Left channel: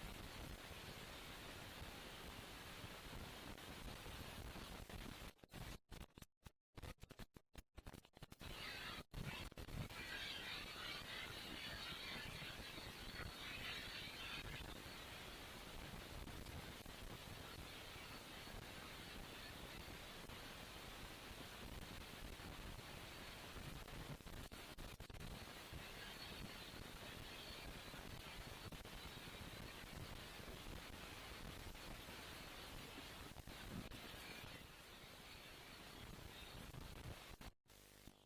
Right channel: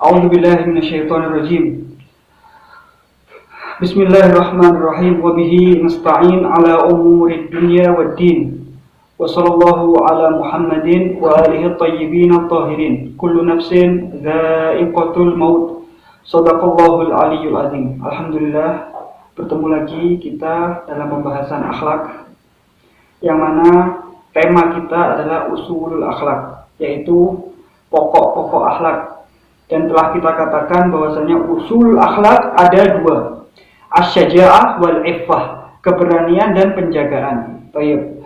A'udzu billahi minasyaitonir rajim. Bismillahirrahmanirrahim. Wa bihi nasta'in ala umurid dunya waddin. Wa sallallahu ala Muhammadin wa alihi thayyibin at-tahirin. Kullu nafsin dha'iqatul maut. Shadaqallahul aliyyul azim. Alhamdulillah, bertemu lagi kita dalam pembahasan akhlak, yang mana tema kita adalah usulul akhlak, yaitu pokok-pokok akhlak. Dan telah kita katakan bahwasanya usul akhlak ada dua, asy-syaja'ah wal iffah, keberanian dan penjagaan. Baik.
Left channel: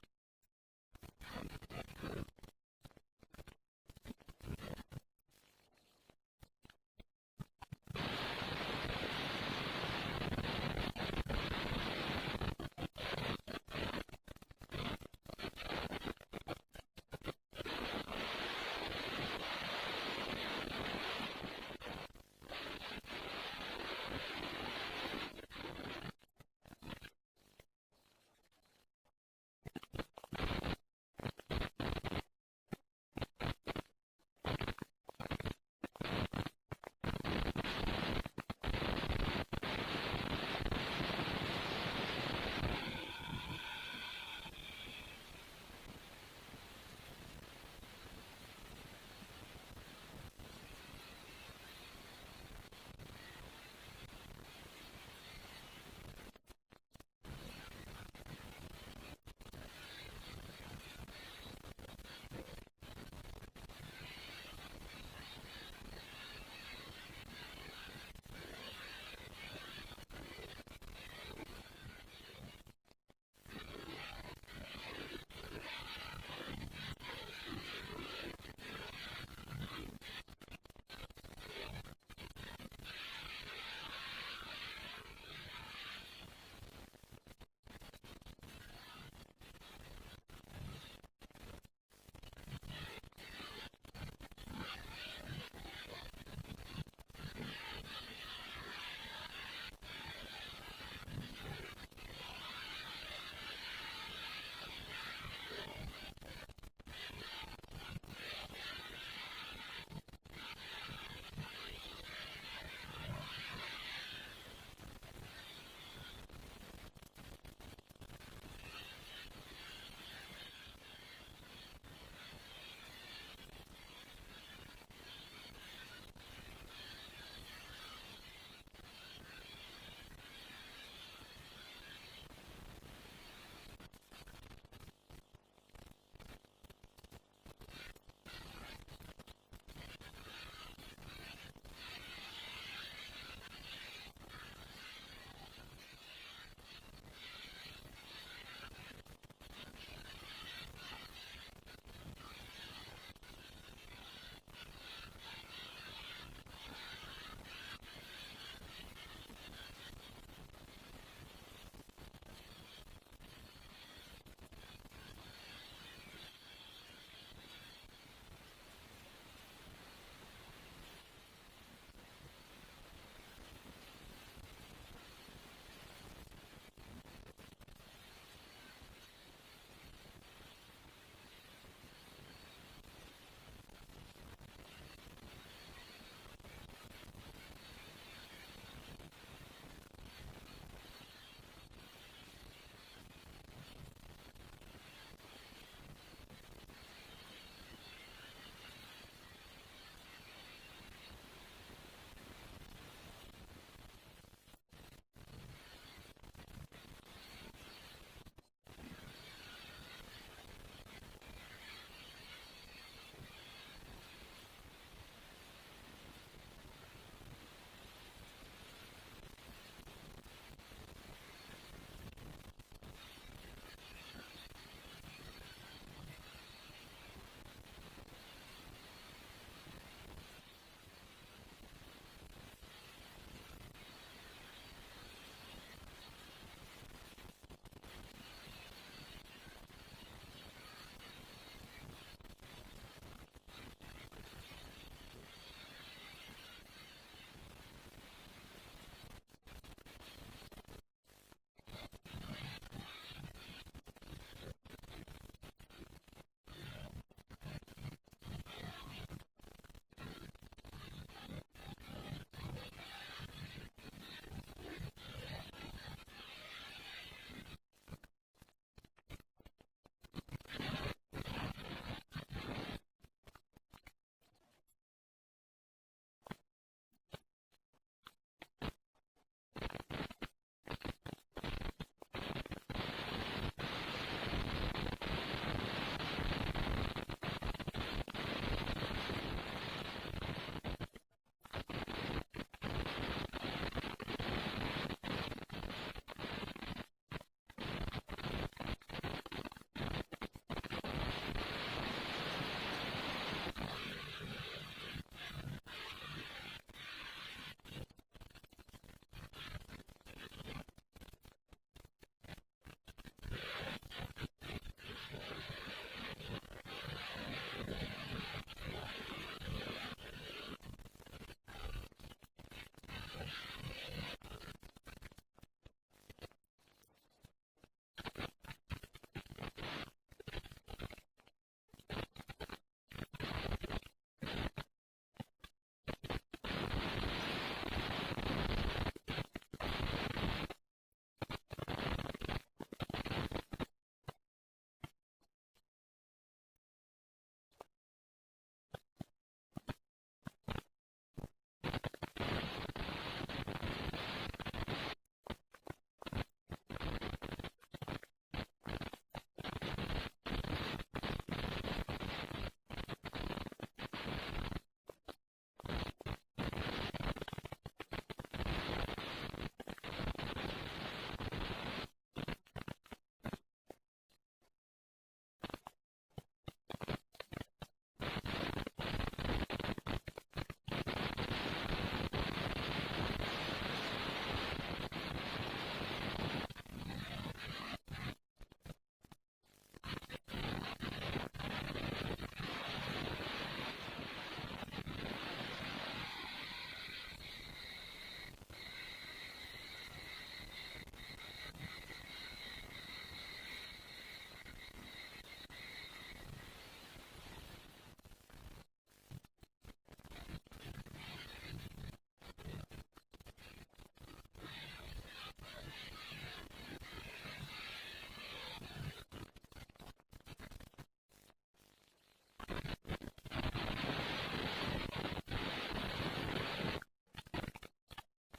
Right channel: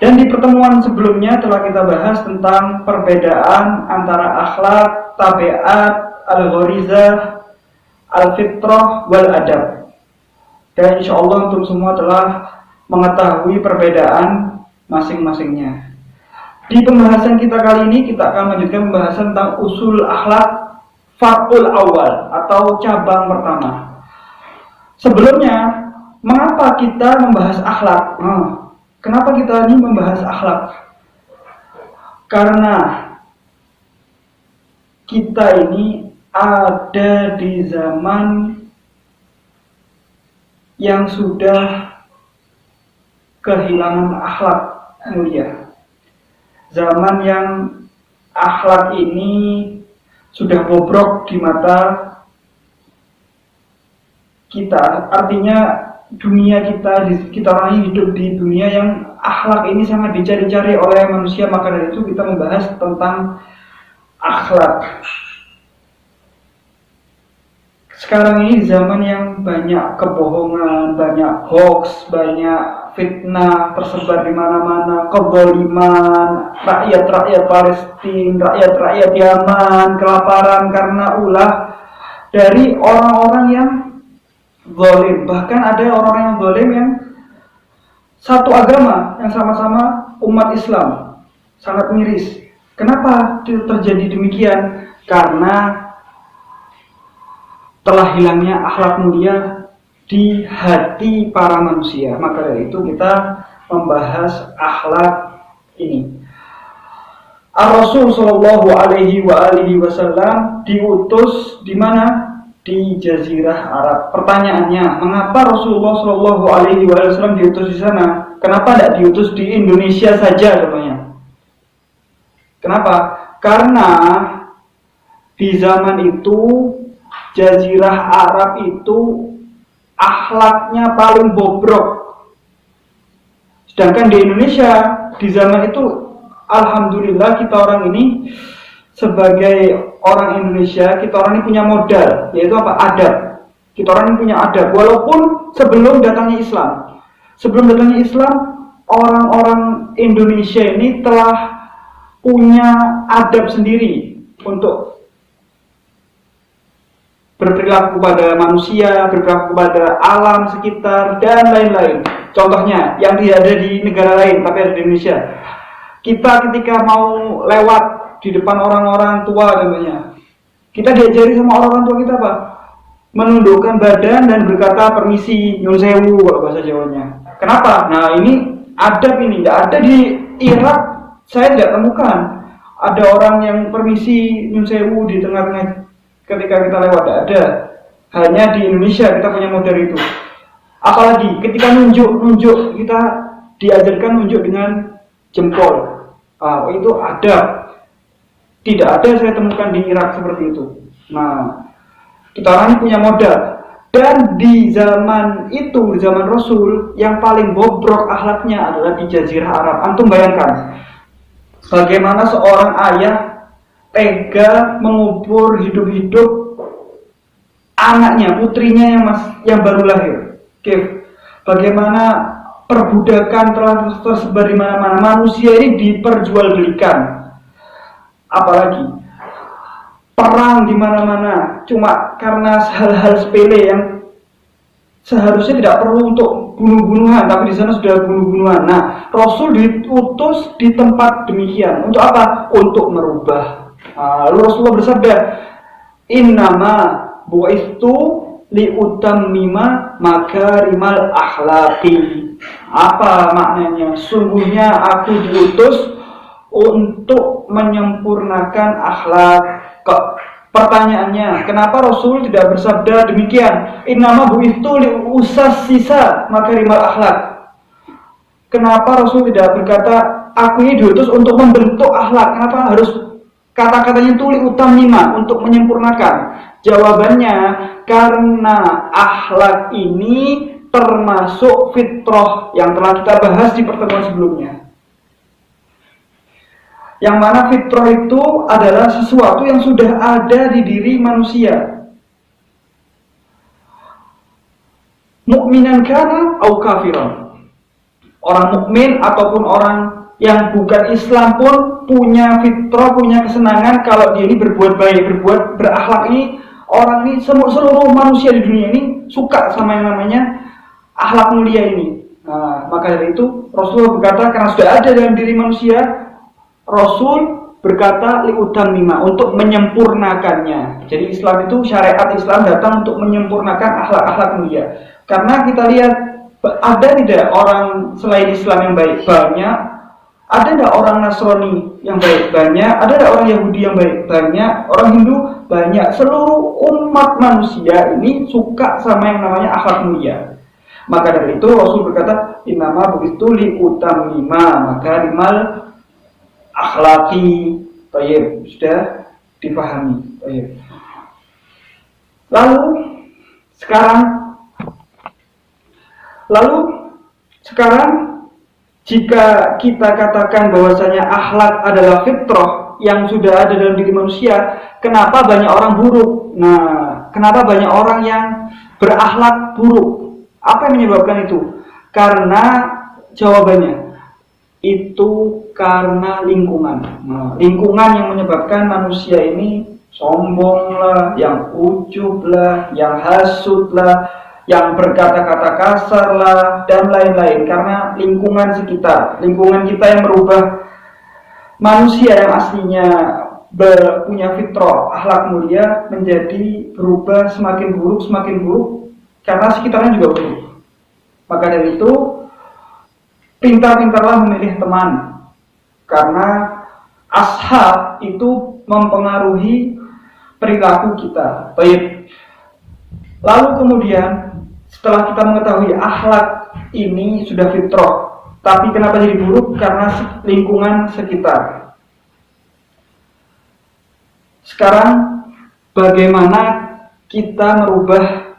Dan di pertemuan sebelumnya telah kita bahas tentang perbedaan antara akhlak, tabiat, al-gharizah, al-fitrah wal adab. Dan insyaallah untuk semua telah mengetahui perbedaan masing-masingnya. Di pembahasan kita kali ini kita akan melanjutkan pembahasan tentang usul akhlak far'ul awal atau cabang pertama. Sebelumnya, mengapa kita membahas akhlak? Kenapa kita ini membahas akhlak? Karena kita ini ada di zaman yang sudah kehilangan akhlak mulia. Zaman yang akhlak ini sudah bobrok di mata kita. Artinya dunia kita orang hidup di dunia yang akhlak ini sangat dicari-cari oleh manusia. Maka dari itu kita membahas tentang akhlak. Sekarang ini zaman yang banyak kebohongan, banyak hoax, banyak fitnah tersebar di mana-mana, kezaliman, rakyat-rakyat Palestina, rakyat-rakyat Yaman kelaparan karena ulah dari orang-orang yang zalim. Bahkan ada orang yang zalim yang satu agama, yang sama-sama umat Islam, sangat miris. Kenapa terjadi demikian? Karena telah hilangnya akhlak mulia di hati para manusia. Maka dari itu kita membahas akhlak ini. Ar-Rasul sallallahu alaihi wasallam diutus di mana? Di Jazirah Arab. Pertanyaannya, mengapa Rasulullah sallallahu alaihi wasallam diutus di sana? Kenapa tidak diutus di Indonesia saja katanya? Kenapa? Karena di zaman itu Jazirah Arab itu akhlaknya paling bobrok. Sedangkan di Indonesia di zaman itu alhamdulillah kita orang ini sebagai orang Indonesia, kita orang ini punya modal, yaitu apa? Adab. Kita orang ini punya adab walaupun sebelum datangnya Islam. Sebelum datangnya Islam, orang-orang Indonesia ini telah punya adab sendiri untuk berperilaku kepada manusia, berperilaku kepada alam sekitar, dan lain-lain. Contohnya, yang tidak ada di negara lain, tapi ada di Indonesia. Kita ketika mau lewat di depan orang-orang tua, contohnya, kita diajari sama orang-orang tua kita apa? Menundukkan badan dan berkata permisi, nyun sewu, kalau bahasa Jawanya. Kenapa? Nah, ini adab ini, tidak ada di Irak, saya tidak temukan. Ada orang yang permisi, nyun sewu di tengah-tengah ketika kita lewat, tidak ada. Hanya di Indonesia kita punya model itu. Apalagi ketika nunjuk kita diajarkan nunjuk dengan jempol. Itu ada. Tidak ada saya temukan di Irak seperti itu. Nah, kita orang ini punya modal. Dan di zaman itu, di zaman Rasul, yang paling bobrok akhlaknya adalah di Jazirah Arab. Antum bayangkan bagaimana seorang ayah tega mengubur hidup-hidup anaknya, putrinya yang baru lahir. Bagaimana perbudakan telah tersebar di mana-mana. Manusia ini diperjualbelikan. Apalagi perang di mana-mana cuma karena hal-hal sepele yang seharusnya tidak perlu untuk bunuh-bunuhan, tapi di sana sudah bunuh-bunuhan. Nah, Rasul diutus di tempat demikian. Untuk apa? Untuk merubah. Lalu Rasulullah bersabda, innama bu'istu liutammima makarimal akhlaqi. Apa maknanya? Sungguhnya aku diutus untuk menyempurnakan akhlak. Pertanyaannya, kenapa Rasul tidak bersabda demikian? Innama bu'ithu liusassisa makarimal akhlak. Kenapa Rasul tidak berkata, aku ini diutus untuk membentuk akhlak? Kenapa harus kata-katanya itu liutammima, untuk menyempurnakan? Jawabannya, karena akhlak ini termasuk fitrah yang telah kita bahas di pertemuan sebelumnya. Yang mana fitrah itu adalah sesuatu yang sudah ada di diri manusia. Mukminan kana au kafiran. Orang mukmin ataupun orang yang bukan Islam pun punya fitrah, punya kesenangan kalau dia ini berbuat baik, berbuat berakhlak. Ini orang ini, seluruh manusia di dunia ini suka sama yang namanya akhlak mulia ini. Nah, maka dari itu Rasulullah berkata, karena sudah ada dalam diri manusia, Rasul berkata liutammima, untuk menyempurnakannya. Jadi Islam itu, syariat Islam datang untuk menyempurnakan akhlak-akhlak mulia. Karena kita lihat, ada tidak orang selain Islam yang baik? Banyak. Ada tidak orang Nasrani yang baik? Banyak. Ada tidak orang Yahudi yang baik? Banyak. Orang Hindu? Banyak. Seluruh umat manusia ini suka sama yang namanya akhlak mulia. Maka dari itu Rasul berkata, innama begitu liutammima, maka limal akhlaki. Baik, sudah dipahami. Baik. Lalu sekarang jika kita katakan bahwasanya akhlak adalah fitrah yang sudah ada dalam diri manusia, kenapa banyak orang buruk? Nah, kenapa banyak orang yang berakhlak buruk? Apa yang menyebabkan itu? Karena jawabannya itu karena lingkungan. Nah, lingkungan yang menyebabkan manusia ini sombong lah, yang ujub lah, yang hasut lah, yang berkata-kata kasar lah, dan lain-lain. Karena lingkungan sekitar, lingkungan kita yang merubah manusia yang aslinya punya fitrah, akhlak mulia, menjadi berubah semakin buruk, karena sekitarnya juga buruk. Maka dari itu, pintar-pintarlah memilih teman, karena ashab itu mempengaruhi perilaku kita. Baik. Lalu kemudian setelah kita mengetahui akhlak ini sudah fitrah, tapi kenapa jadi buruk? Karena lingkungan sekitar. Sekarang bagaimana kita merubah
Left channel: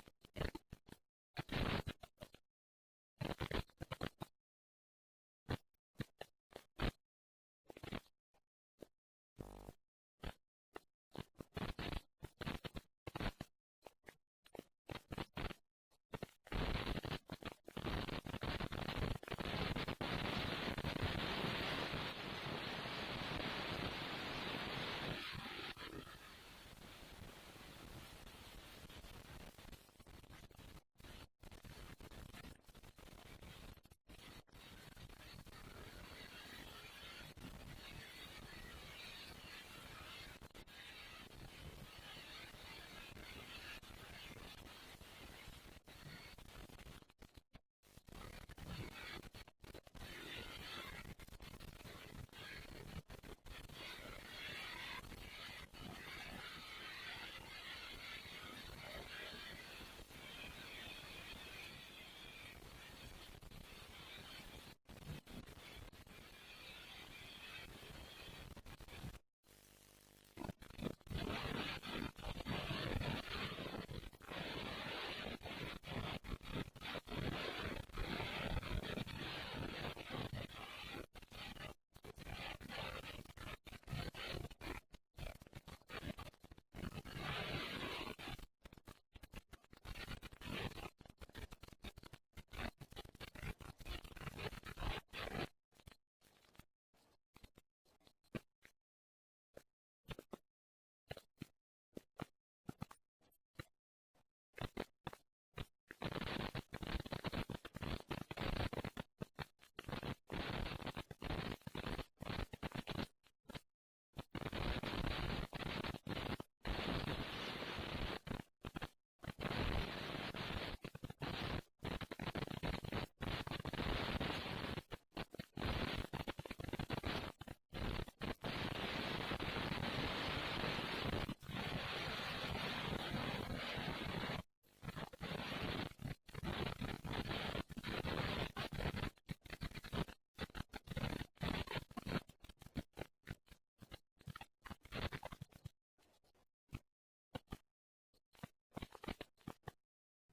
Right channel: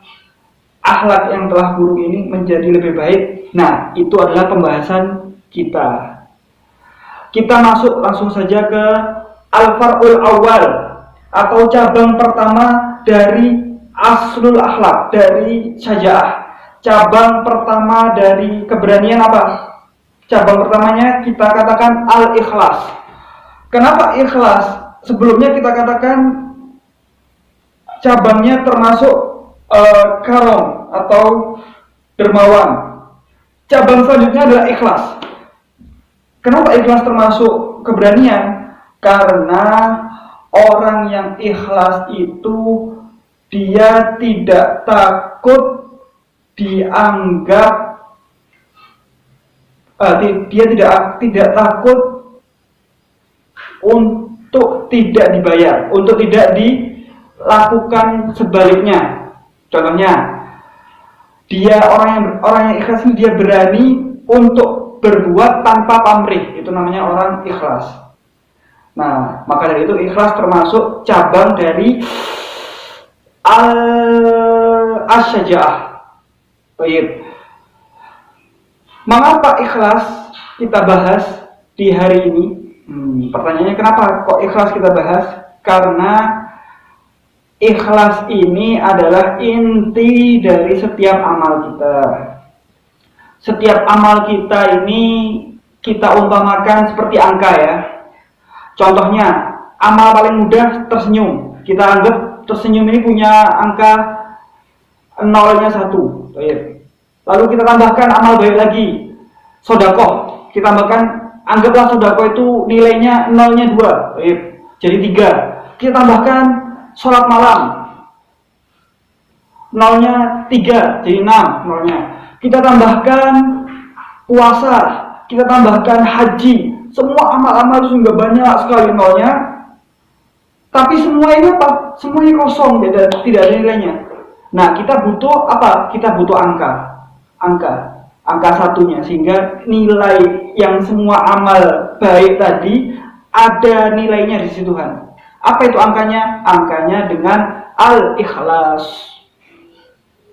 akhlak yang telah buruk ini menjadi lebih baik? Nah, itu adalah pembahasan kita. Kita masuk langsung saja ke al-far'ul awal, atau cabang pertama dari aslul akhlak, dari syaja'ah. Cabang pertama dari keberanian apa? Cabang pertamanya kita katakan al-ikhlas. Kenapa ikhlas? Sebelumnya kita katakan cabangnya termasuk karom atau dermawan. Cabang selanjutnya adalah ikhlas. Kenapa ikhlas termasuk keberanian? Karena orang yang ikhlas itu dia tidak takut dianggap, dia tidak takut untuk tidak dibayar, untuk tidak dilakukan sebaliknya. Contohnya, dia orang yang ikhlas ini dia berani untuk berbuat tanpa pamrih, itu namanya orang ikhlas. Nah, maka dari itu ikhlas termasuk cabang dari al-syaja'ah. Baik. Mengapa ikhlas kita bahas di hari ini? Pertanyaannya, kenapa kok ikhlas kita bahas? Karena ikhlas ini adalah inti dari setiap amal kita. Setiap amal kita ini kita umpamakan seperti angka ya. Contohnya, amal paling mudah tersenyum. Kita anggap tersenyum ini punya angka nolnya 1. Baik. Lalu kita tambahkan amal baik lagi, sedekah. Kita tambahkan, anggaplah sedekah itu nilainya nolnya 2. Baik. Jadi 3. Kita tambahkan sholat malam, nolnya 3, jadi 6 nolnya. Kita tambahkan puasa, kita tambahkan haji. Semua amal-amal itu juga banyak sekali nolnya. Tapi semua ini apa? Semuanya kosong, tidak ada nilainya. Nah, kita butuh apa? Kita butuh angka satunya, sehingga nilai yang semua amal baik tadi ada nilainya di sisi Tuhan. Apa itu angkanya? Angkanya dengan al-ikhlas.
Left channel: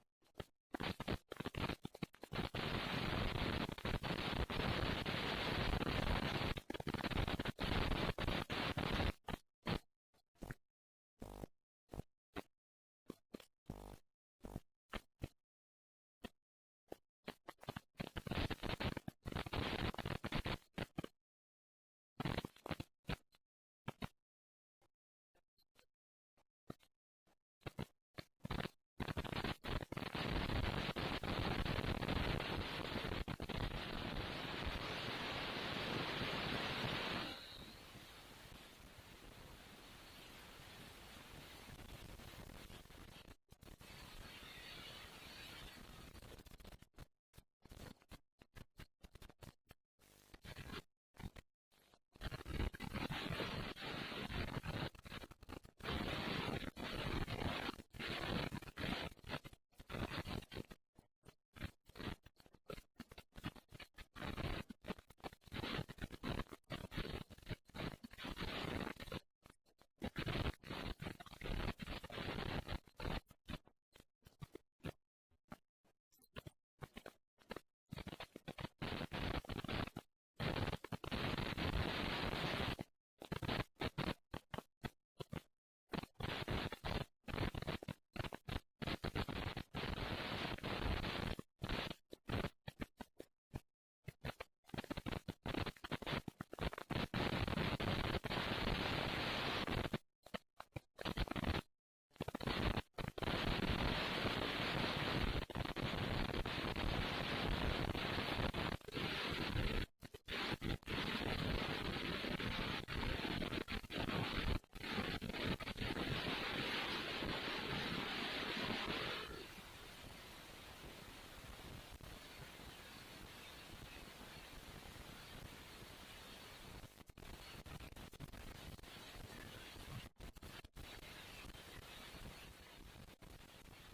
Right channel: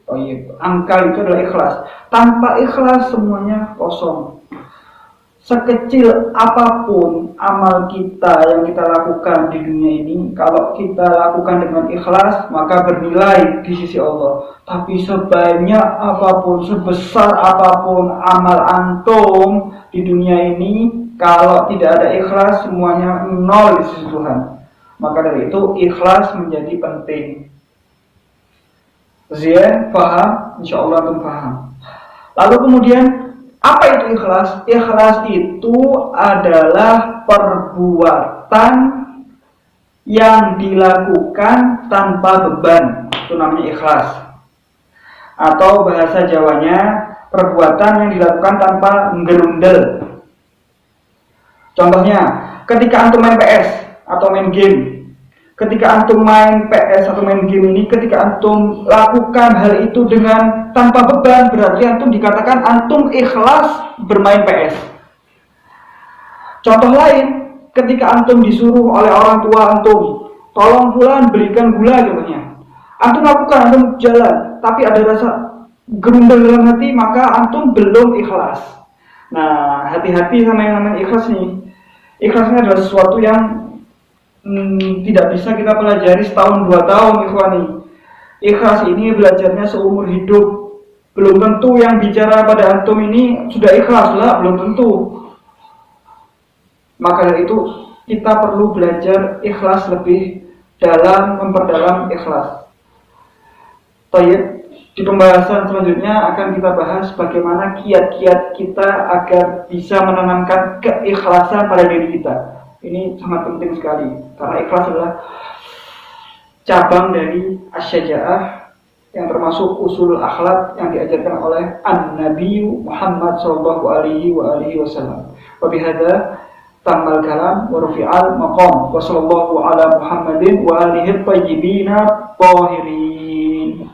Oh iya, angka itu adalah ikhlas. Tanpa ikhlas semuanya kosong. Sekecil apapun amal kita yang kita lakukan di dunia ini, kalau kita lakukan dengan ikhlas, maka bernilai di sisi Allah. Tapi sebanyak apapun, sebesar apapun amal antum di dunia ini, kalau tidak ada ikhlas, semuanya nol di sisi Tuhan. Maka dari itu, ikhlas menjadi penting. Zian, paham? Insya Allah antum paham. Lalu kemudian, apa itu ikhlas? Ikhlas itu adalah perbuatan yang dilakukan tanpa beban. Itu namanya ikhlas. Atau bahasa Jawanya, perbuatan yang dilakukan tanpa ngerundel. Contohnya, ketika antum main PS atau main game. Ketika antum main PS atau main game ini, ketika antum lakukan hal itu dengan tanpa beban, berarti antum dikatakan antum ikhlas bermain PS. Contoh lain, ketika antum disuruh oleh orang tua antum, tolong fulan belikan gula contohnya. Antum lakukan, antum jalan, tapi ada rasa gerundel dalam hati, maka antum belum ikhlas. Nah, hati-hati sama yang namanya ikhlas nih. Ikhlasnya adalah sesuatu yang tidak bisa kita pelajari setahun 2 tahun, ikhwani. Ikhlas ini belajarnya seumur hidup. Belum tentu yang bicara pada antum ini sudah ikhlas lah, belum tentu. Maka dari itu kita perlu belajar ikhlas lebih dalam, memperdalam ikhlas. Baik, di pembahasan selanjutnya akan kita bahas bagaimana kiat-kiat kita agar bisa menanamkan keikhlasan pada diri kita. Ini sangat penting sekali, karena ikhlas adalah cabang dari asy-syaja'ah yang termasuk usul akhlak yang diajarkan oleh An-Nabi Muhammad sallallahu alaihi wasallam. Wa bihadza tamal kalam wa rufi'al maqam wa sallallahu ala Muhammadin wa alihi thayyibin tahirin.